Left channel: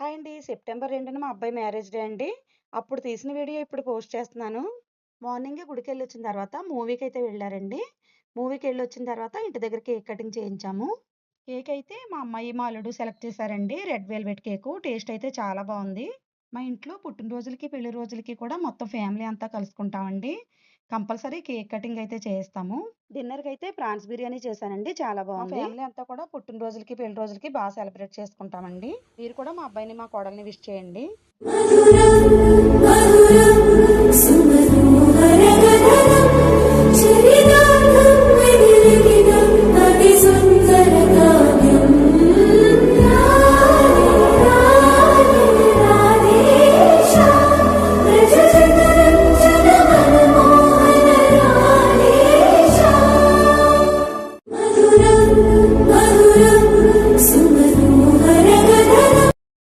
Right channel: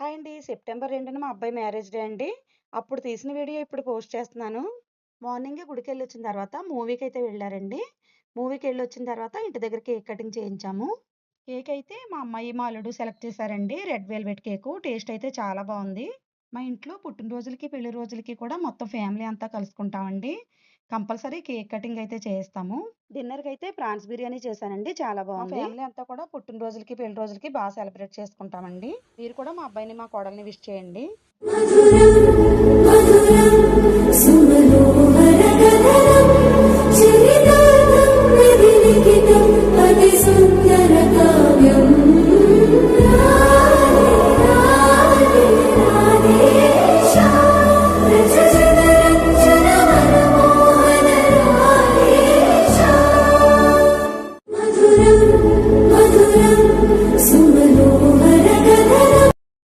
Hi అండి. September 2న మా అబ్బాయి మ్యారేజ్ డే అండి. అప్పుడు తీసిన వీడియో ఇప్పుడు పోస్ట్ చేస్తున్నాను. మార్నింగే గుడికెళ్ళొచ్చిన తర్వాత మూవీకైతే వెళ్ళారండి. మూవీకెళ్ళొచ్చిన తర్వాత ఇంటి దగ్గర కేక్ కటింగ్ చేయించాము. కేక్ అయితే మా అమ్మాయి, మా అల్లుడు సెలెక్ట్ చేశారండి. Red velvet cake. టేస్ట్ అయితే చాలా బావుంది. మా ఇంట్లో పుట్టినరోజులకి, పెళ్లి రోజులకి కూడా మొత్తం ఫ్యామిలీ అంతా కలుసుకుంటామండి. కంపల్సరీ కేక్ కటింగ్ అయితే చేయిస్తాము. డిన్నర్‌కైతే ప్రాన్స్ బిర్యానీ చేశానండి. చాలా బావుంది. మా ఫ్యామిలీ అంతా కూడా పుట్టినరోజులకి, పెళ్లి రోజులకి సెలబ్రేట్ చేసుకుంటామండి. మీరు కూడా మా అబ్బాయిని, మా కోడల్ని విష్ చేయండి. సుమనోహర గగనం చిరినాదం వెలిగినం